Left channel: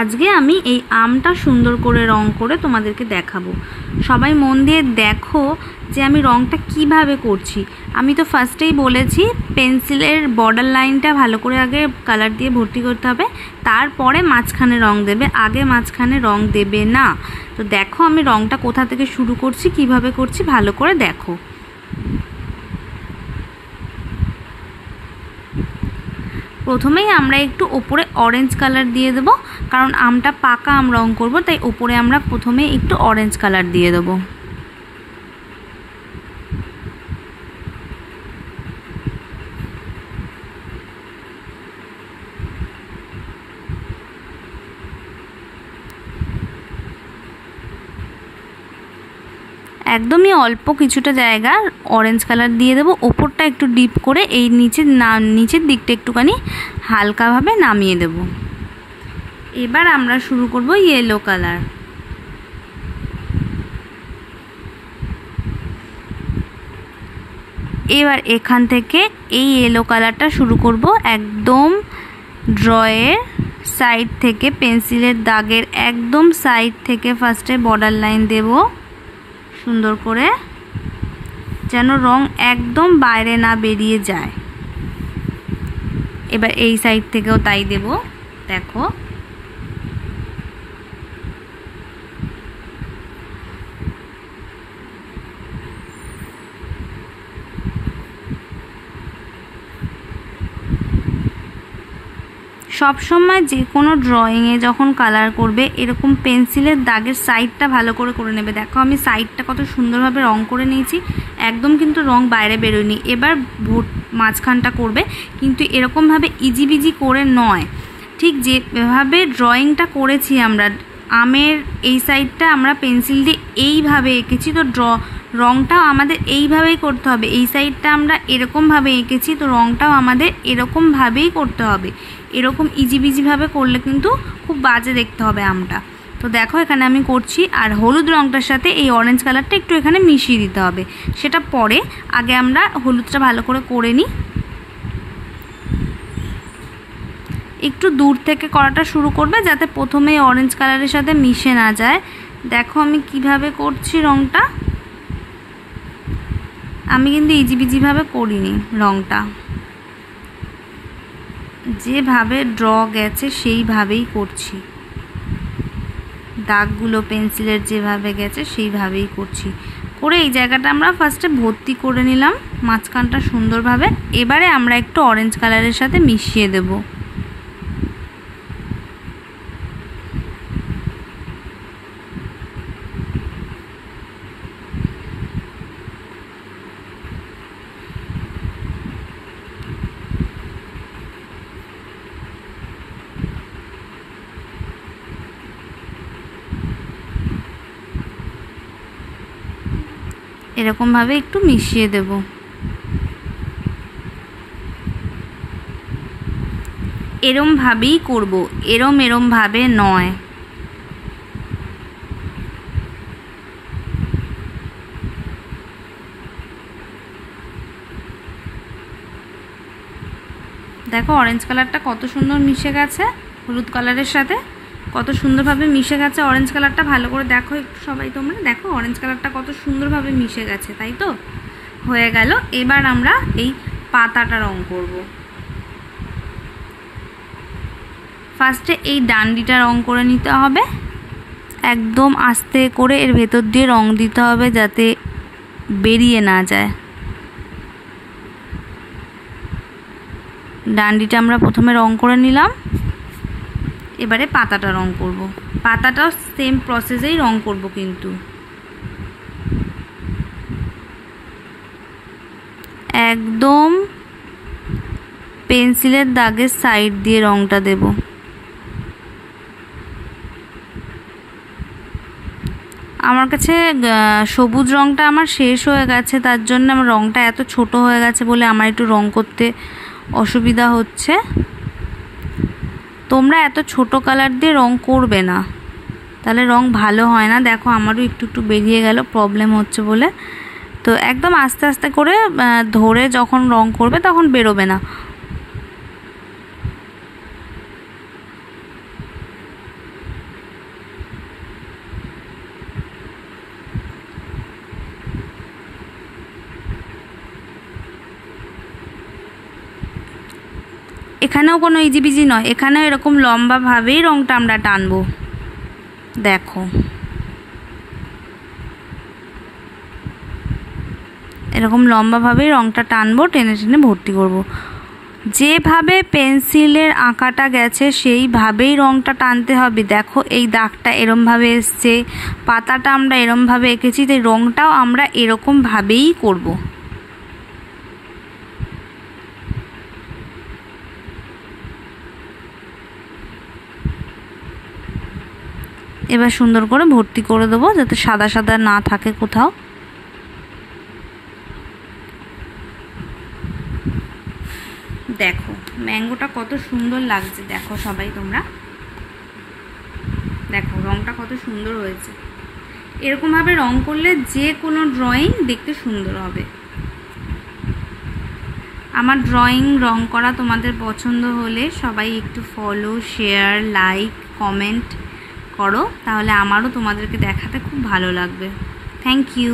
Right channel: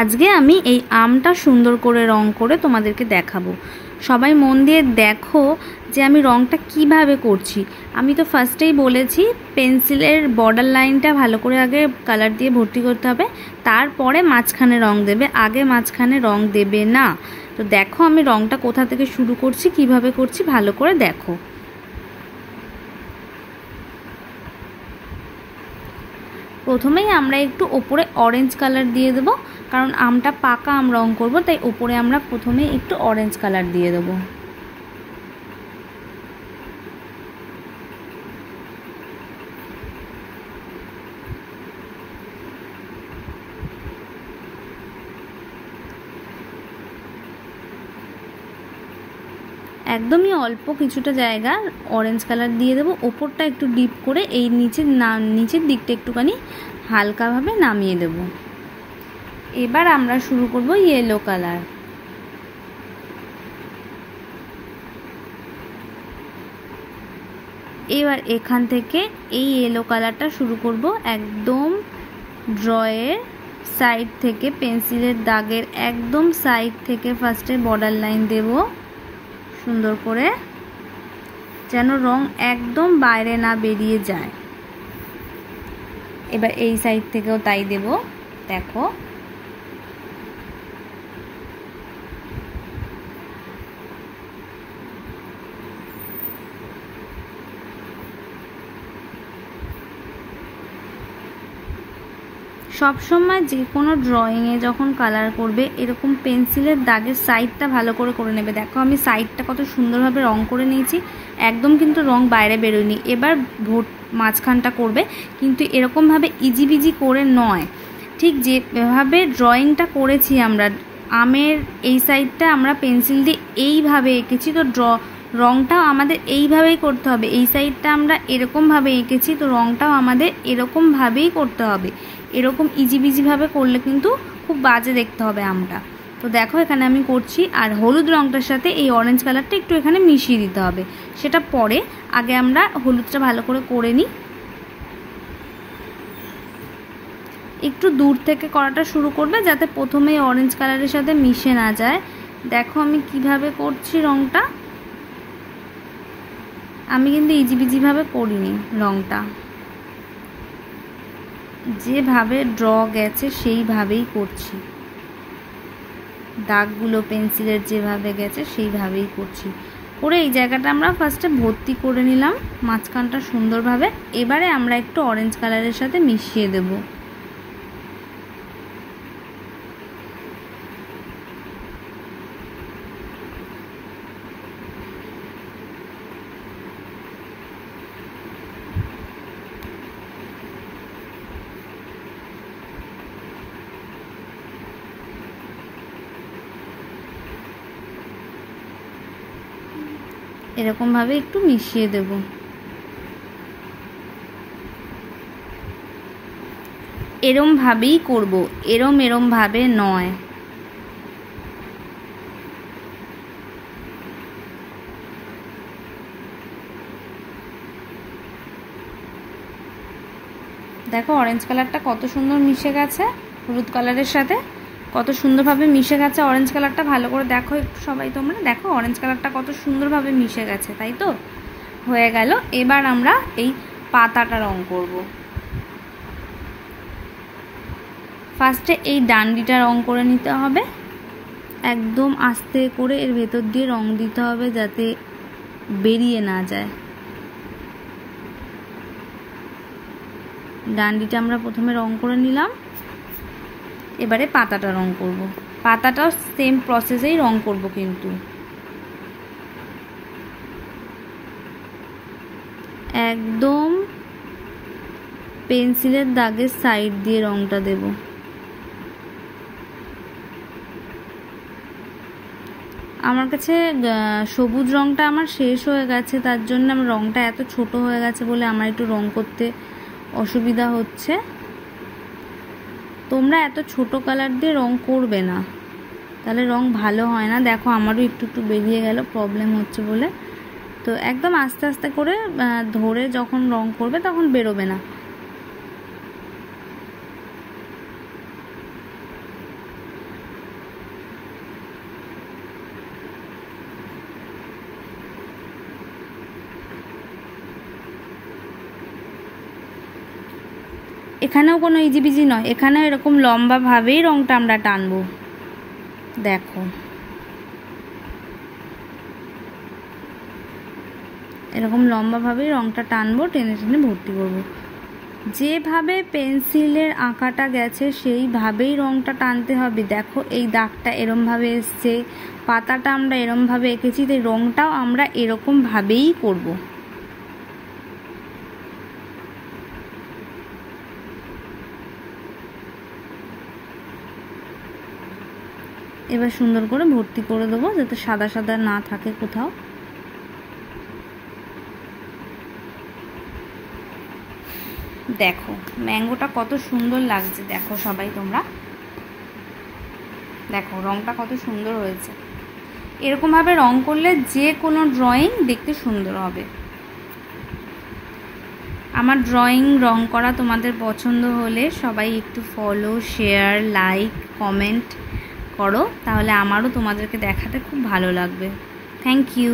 আজকে আমি এই আমটা সুন্দর করে রং করে তোমাদেরকে দেখাবো। সবাই মন দিয়ে দেখো যে আমি রংটা কিভাবে করছি। আমি তো ফার্স্টেই বলেছি পেন্সিলের বর্ডার লাইনটা ভালো করে আগে কালার দিয়ে ভর্তি করতে হবে, তারপরে মাঝখানে রং দেবে, আগে মাঝখানে রং দেবে না। তো দেখো আমি রংটা কোথা থেকে শুরু করছি, কিভাবে করছি ভালো করে দেখো। প্রথমেই আমরা একটু ওপরে অরেঞ্জ কালার দিয়ে দেব, কারণ আমটা পাকা আম রং করব, তাই ওপরে আমরা প্রথমে একটু অরেঞ্জ কালার দিয়ে দেব। একদমই অল্প কিছুটা জায়গা অরেঞ্জ কালার দিয়ে দেবো, ওপরটা একটু ডিপ করে এই নিচের দিকটা একটুখানি হালকাভাবে নামিয়ে দেব। এবার আমরা শুরু করব ইয়েলো কালার। এবার এখান থেকে এই ইয়েলো কালারটা শুরু করব একদম ড্রয়ের সাইড থেকে, পেন্সিলের দাগের একদম সাইড থেকে ফার্স্টে বর্ডার লাইন দেব সুন্দর করে, যেন রং একদম বাইরে না বেরিয়ে যায়। এবার এই সাইড থেকেও তাই দেব। দেখো সবসময় যে কোনো ড্রয়িংয়ে যখন কালার করবে এরকম পেন্সিলের দাগের সাইডটা ভালো করে করে নেবে। দেখো আমি সাইডটা কত সুন্দরভাবে রং করে নিয়েছি, একদম কিন্তু রং বাইরে বেরোয়নি। এবার মাঝখানটা করবে, কিন্তু এরকমভাবে ইজিবিজি করে নয়, ঠিক যেভাবে ড্রয়িংটা করেছি আমরা আমের এই সাইডটা আমরা পেন্সিল দিয়ে এইভাবে এঁকেছি, তো রংটাও আমাদের এইভাবেই করতে হবে। এই সাইডটা আমরা এরকমভাবে এঁকেছি, তো রংটাও আমাদের এরকমভাবেই করতে হবে। এরকম ইজিবিজিভাবে করলে কিন্তু খুব বাজে দেখতে হবে আমটা। তো দেখো এখানে আমি করছি, আর হলুদ রংটার সাথে এই অরেঞ্জ কালারটা একটু এখানে মিশিয়ে দিতে হবে, সেটা পরে। আগে আমরা হলুদটা ভালো করে নিই। একটু দূর থেকে করাটা শুরু করবে, যাতে প্রথমে অরেঞ্জ কালারের সাথে মিশে না যায়। দেখো আমি কিভাবে করছি রংটা, আমি কিন্তু ইজিবিজিভাবে করিনি, রংটা যেভাবে ড্র গেছে সেইভাবেই করছি, দাগগুলো পেন্সিলের যেভাবে গেছে সেইভাবেই করছি। করে এই জায়গাটা আমরা ফার্স্টে ভর্তি করে নিলাম মাঝখানটা সুন্দরভাবে। এবারে আমরা একটু অরেঞ্জ কালারের সাথে মিশিয়ে দেব। এরকমভাবে একটু মিশিয়ে দেব। এরমভাবেই করব, এরমভাবে নয়। দেখো অরেঞ্জ কালারটা কত সুন্দর মিশে গেছে হলুদ কালারের সাথে, কত সুন্দরভাবে মিশে গেছে অরেঞ্জ কালারটা। ভালো করে দেখো একটু সবাই, তোমরা দেখো অরেঞ্জ কালারটা কত সুন্দরভাবে মিশে গেছে, তাই তো? হয়ে গেল। এবার আমরা এই পাতাটা রং করব। ফার্স্টে এই ডান্ডিটা রং করে নিতে হবে, একদম আস্তে করে এর ভেতর দিয়ে রং দিতে হবে যাতে বেরিয়ে না যায়। ডান্ডিটা আমরা প্রথমে রং করে নিলাম, এবারে পাতাটা রং করব। পাতাটাও সেম প্রসেসেই রং করব, কিন্তু একদম পেন্সিলের দাগের সাইড দিয়ে রংটা দেব। আমার কাছে সবুজ রংটা আমার শেষ হয়ে গেছে, তার জন্য আমার রংটা এত ছোট হয়ে গেছে বলে আমার একটু রং করতে অসুবিধা হচ্ছে। তোমরা এত ছোট কালার দিয়ে রং করবে না, তাহলে রং ভালো হয় না। দেখো আমারও একটু বেরিয়ে গেল, প্রবলেম হচ্ছে বলে। তো একদম আস্তে আস্তে করে ধরে যখন রং করবে তখন বেরোবে না। এখানেও কোনো ইজিবিজি নয়, এখানেও এরকম লম্বাভাবেই রঙটা আমরা টানবো। দেখো এরকম লম্বাভাবেই রঙটা টানবো, টেনে টেনে ভর্তি করব। যেভাবে পেন্সিলের আঁকাটা গেছে সেইভাবেই রঙটা টানতে হবে। দেখো এই দাগটা এরমভাবে এসছে, পাতাটা আমরা এরমভাবে এঁকেছি, তাই রঙটাও আমরা এরকমভাবেই করব। এবার সুন্দর করে ভর্তি করে দেবো যাতে সাদা সাদা না থাকে কোথাও। দেখো ম্যাঙ্গোটা কত সুন্দর লাগছে, দেখো সবাই তোমরা দেখো রঙটা কত সুন্দর হয়েছে। এরকমভাবে রং করলে যে কোনো ড্রয়িং দেখতে সুন্দর হবে। আমার ড্রয়িং রং করা তোমাদের পছন্দ হলে সবাই একটু ফলো, শেয়ার, লাইক, কমেন্ট করো, তাহলে আমারও তোমাদেরকে দেখাতে খুব ভালো লাগবে। Thank you.